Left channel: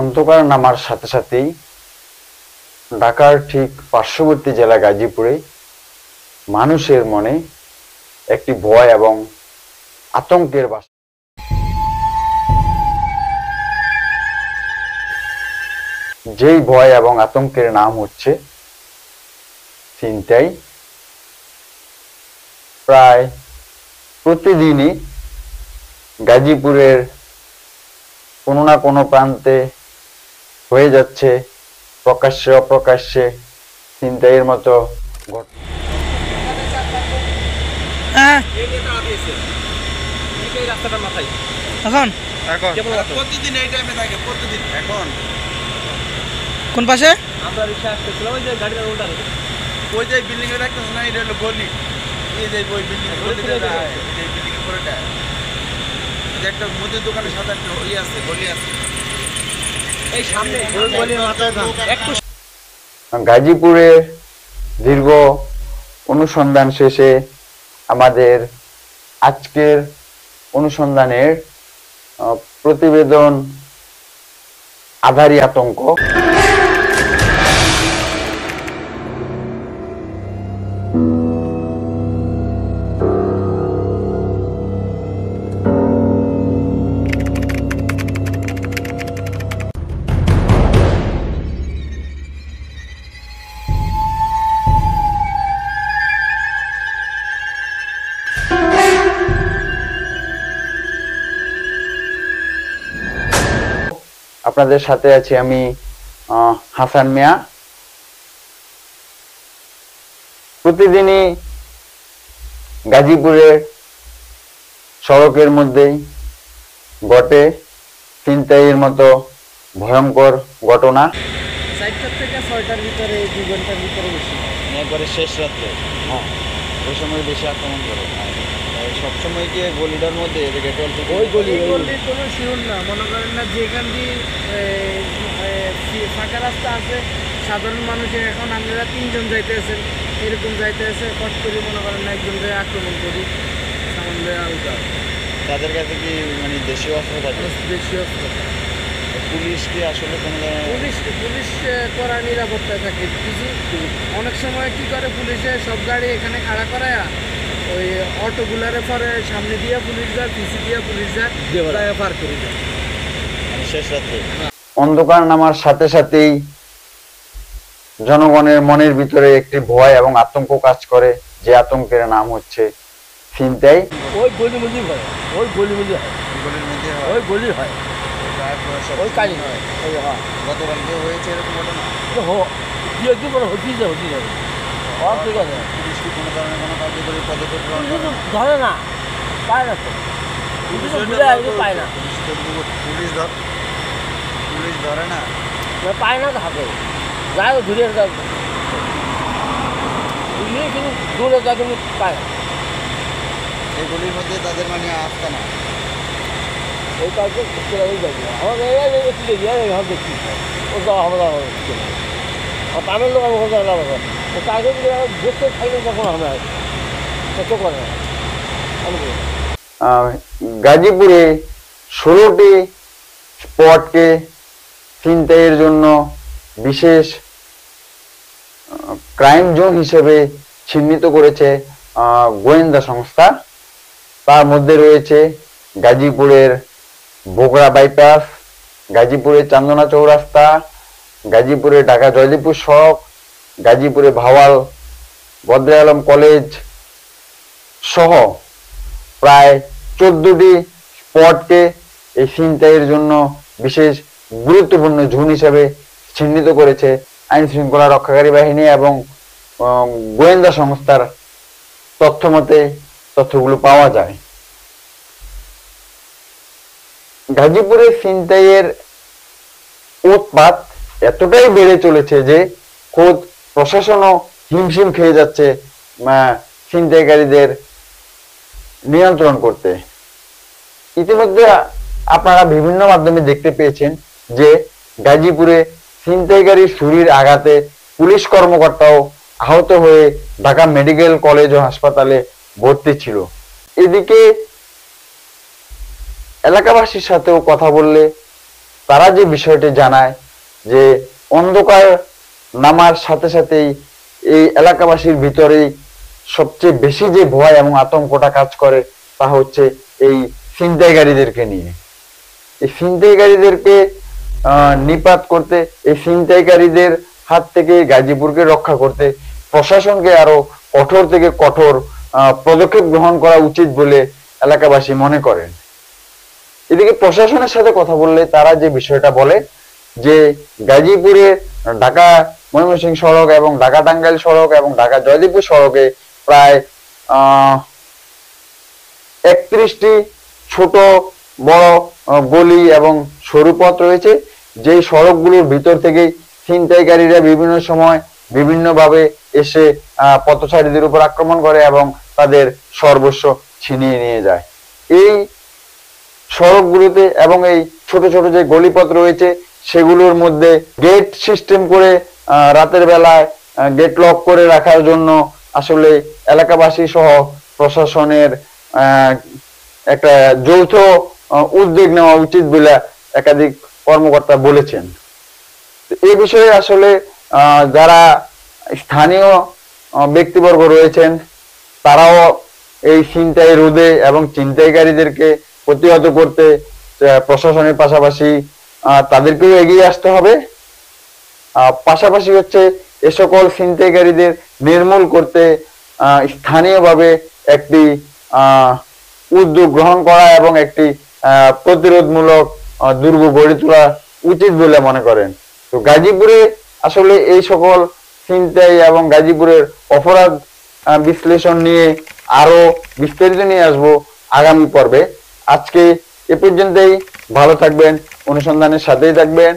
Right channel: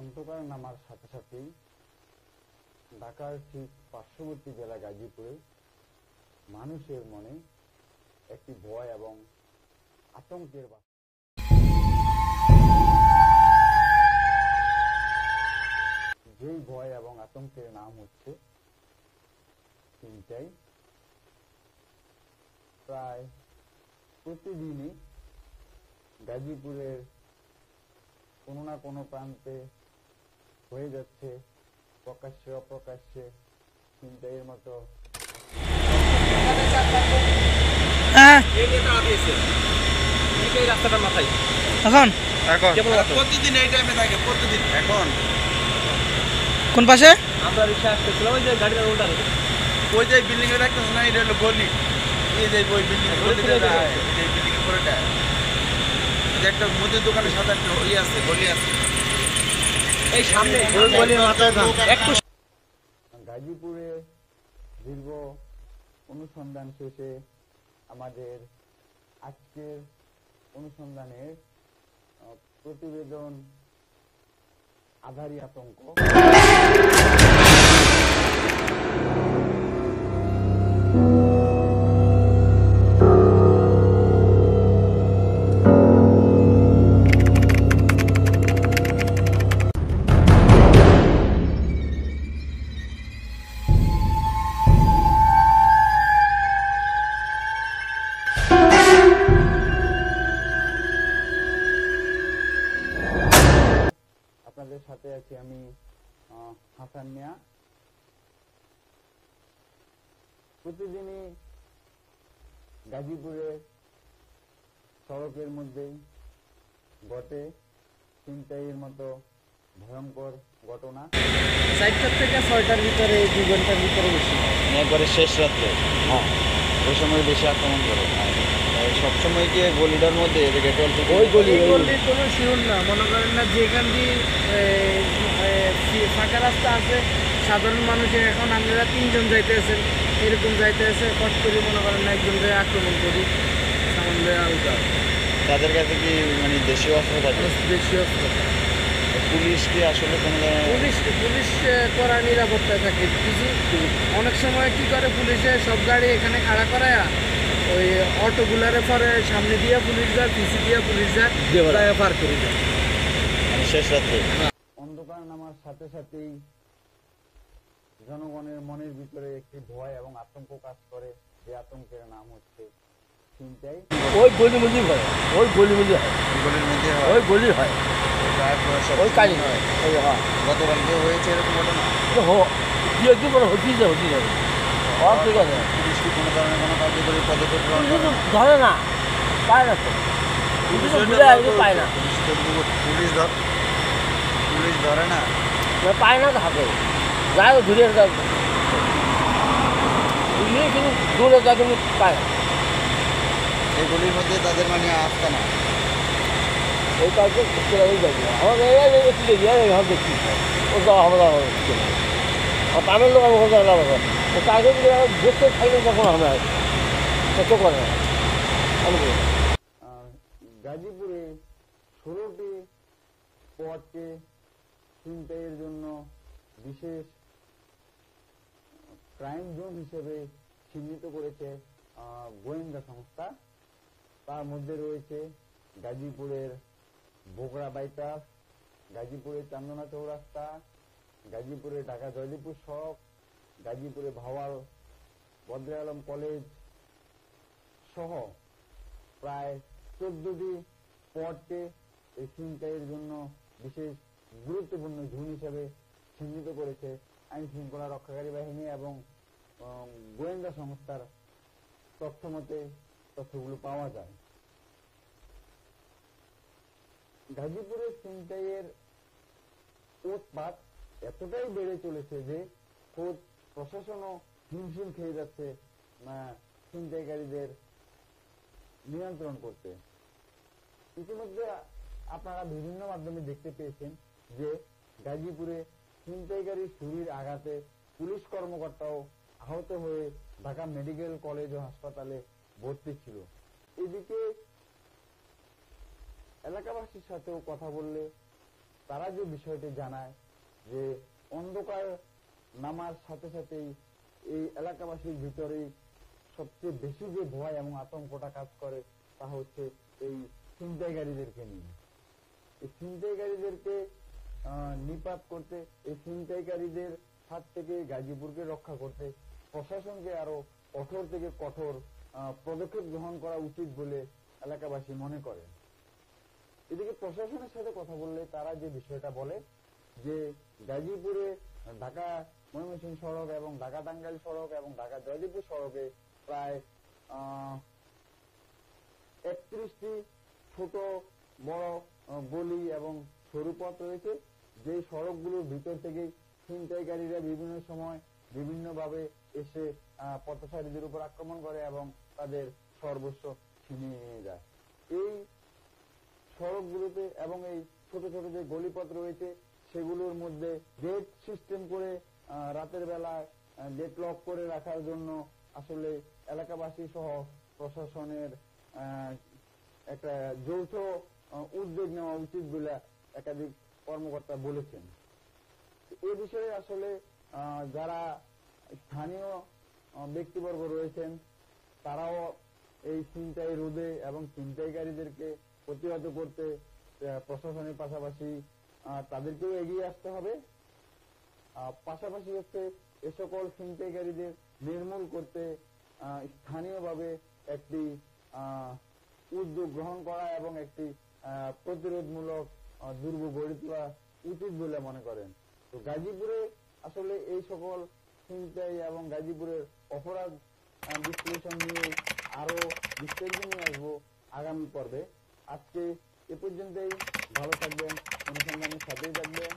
অন্ধকার নামার সাথে সাথেই ঢাকার ঠিক পার্শ্ববর্তী জেলা গাজীপুরে মানুষের মনে একটি ভয় এবং আতঙ্কের বাসা। যেই ভয় এবং আতঙ্কের নাম হচ্ছে ছিনতাই। প্রায় প্রতিদিনই গাজীপুরের কোনো না কোনো প্রান্তে হয়ে যাচ্ছে প্রকাশ্যে অপ্রকাশ্যে ছিনতাইয়ের মতো ঘটনা। প্রতিদিন এই টাইমে থাকে, প্রতিদিন। এখন কোন পাশে আমরা রিক্সা আসতেছিলাম, ওই যে গাড়িটা উল্টানো, ওই যে বিল্ডিং এ রাখতেছে না, এটা হলো গলি। এই যে ওই বিল্ডিং এই বিল্ডিং এর পরেটা যে একটা মুদির দোকানের সাথে একটা ওই আছে, গলি আছে এই সামনে, ওই গলির মাথায় একটু। গাজীপুরে দীর্ঘ অনুসন্ধান শেষে আমাদের আজকের অনুসন্ধানের প্রতিবেদন আধারি আতঙ্ক। আপনাদের সাথে আছি আমি হাসান মিয়া। প্রতিদিনই গাজীপুরের সড়কের মধ্যেই ঘটে ছিনতাইয়ের মতো ভয়ঙ্কর ঘটনা। 4টা থেকে 6টার ভিতরে, 2 ঘন্টার ভিতরে বেশি, একবারে শেষ রাত্রে। হ্যাঁ, ওই সময় বেশি আক্রমণ করে। সবসময় কি গলিটার মধ্যে ওই গলির কোনো শিওর না, মনে করেন না যেখান দিয়ে ফাঁকা রাস্তা আছে, সাধারণ মানুষের এখন আমরা 3জন যাইতেছেন, এরকম যাইতেছে, কষ্ট করে মনে করেন না একজনকে আক্রমণ করি সামনে আলগা। তাদের কাছে কি মানে দেশীয় অস্ত্র থাকে? দেশীয় অস্ত্র। পুলিশ কি আসলে কোনো পুলিশ করা নিরাপত্তায় থাকে। কিছু অনেক সময় কি করে, পুলিশে সব গাড়ি এখানে খাড়া করায় ওই অটোগুলারে পরে সামনে দিয়ে পুলিশ যায়, পিছি দিয়ে পুলিশ যায়, পার করে যায় শেষ রাত্রে। অন্ধকার নামার সাথে সাথেই জনগণের মনের ভিতরে একটি ভয় এবং আতঙ্ক কাজ করে, যে আতঙ্কের নাম হচ্ছে ছিনতাই। ওই গলি মধ্যে হয়, ওই গলি মধ্যে হয়, গলির মধ্যে হয়, ওই গলি হয়, ওই কালি হয়। গতকালকে হয়েছে এরকম ঘটনা? কি করে হতেই যায়, হতেই যাবে। ঠিক আছে, পুলিশ কি কোনো ধরনের কোনো কার্যকরী পদক্ষেপ গ্রহণ করে? ধরে না, পায় না তো, পায় না, পুলিশ ধরে না, পায় না তো হাতে যায়, ঘুরে যায়, কিন্তু দূরে যায়, কিন্তু পায় না। এই গলির মধ্যে তাদের মানে আসতে না, ওই কাজে ওই যাবে আমাদের দেখছি ও যাওয়া হবে না, পামের লোক আমার কাজে দেখতে থাকলে তখন হবে কত করে না। গাজীপুরে 16টি স্পটকে ছিনতাইয়ের জন্য বিশেষ ক্রাইম জোন হিসেবে চিহ্নিত করেছে গোয়েন্দা সংস্থা। তার মধ্যে রয়েছে গাজীপুরের বগুড়া বাইপাস, গাজীপুরের চান্দনা চৌরাস্তা, গাজীপুরে ঢাকা জয়দেবপুর সড়ক, গাজীপুরে ভাওয়াল বদ্রে আলম কলেজ সহ প্রায় 14টি স্পটকে এই ছিনতাইয়ের জন্য বিশেষ গুরুত্বপূর্ণ জোন হিসেবে চিহ্নিত করেছে আইন শৃঙ্খলা রক্ষাকারী বাহিনী এবং গোয়েন্দা সংস্থার তথ্য মতে তথ্যগুলো পাওয়া যায়। গাজীপুরে ছিনতাইয়ের উৎপাত এতটাই বেড়ে চলেছে যে খোদ প্রশাসনও হিমশিম খেয়ে যাচ্ছে ছিনতাইকারীদের নিয়ন্ত্রণ করতে। ইতিমধ্যে আপনারা বিভিন্ন মাধ্যমে দেখতে পেয়েছেন যে গাজীপুরে ছিনতাইকারী ছুরির আঘাতে পুলিশ কর্মকর্তাও আহত হয়ে ঢাকা মেডিকেল কলেজ ও হাসপাতালে ভর্তি ছিল। এদিকে এলাকাবাসীর সাথেও কথা বললে তারা যে বিষয়টি জানায় যে অন্ধকার নামার সাথে সাথেই এই এলাকাবাসীর ভিতরেই সবচেয়ে বেশি যে ভয় এবং আতঙ্কটা কাজ করে তা হচ্ছে এই ছিনতাইকারীদেরকে নিয়ে। এই ছিনতাইকারীদেরকে নিপাত করতে, এই ছিনতাইকারীদের হাত থেকে গাজীপুরকে রক্ষা করতে প্রশাসনকে আরো কঠোর থেকে কঠোর পদক্ষেপ গ্রহণ করা উচিত বলে এলাকাবাসী মনে করেন। এদিকে প্রশাসনের সাথে কথা বললে তারা যে বিষয়টা বলে যে গাজীপুরে ঢাকা ময়মনসিংহ সড়ক এবং ঢাকা টাঙ্গাইল সড়ক এবং ঢাকা জয়দেবপুর সড়কে প্রায় 31টি ছোট বড় গলি এবং সরু পথ রয়েছে, যেই সড়কগুলোর ভিতর থেকেই ছিনতাইকারীরা বিভিন্ন সময় বিভিন্নভাবে এসে পথচারীদের উপর আক্রমণ করে এবং তাদের সর্বস্ব ছিনিয়ে নিয়ে যায়। এই সড়কগুলোতে এবং এই ছোট ছোট যে গলিপথ রয়েছে সেগুলোর মধ্যে গেট সিস্টেম করে রাতের বেলায় গেট লক করে রাখার জন্য আসলে এলাকাবাসী সহ প্রশাসনের একটা যৌথ উদ্যোগ নেওয়া উচিত বলে একাধিক কর্মকর্তা বলেছেন। এই বিষয়ে আসলে যারা স্থানীয় ব্যক্তিবর্গ রয়েছেন তারাও এই ছিনতাই রোধে এবং ছিনতাইকারীদেরকে প্রতিহত করতে প্রশাসনের পাশাপাশি তাদেরকেও এগিয়ে আসতে হবে। পাশাপাশি হচ্ছে এ সকল ছিনতাইকারীদের নির্মূল করতে স্থানীয়ভাবে একটি উদ্যোগ গ্রহণ করা এবং একটি প্রতিরোধমূলক দুর্গ গড়ে তোলা উচিত বলে মনে করেন। তো গাজীপুরে আসলে এই সকল ছিনতাই এবং গাজীপুরের অপরাধ বিশ্লেষণ নিয়ে আরো বিস্তারিত নিয়ে আসবো আগামী পর্বে। আজকে এ পর্যন্তই, ভালো থাকবেন, অনুসন্ধানের সাথেই থাকবেন।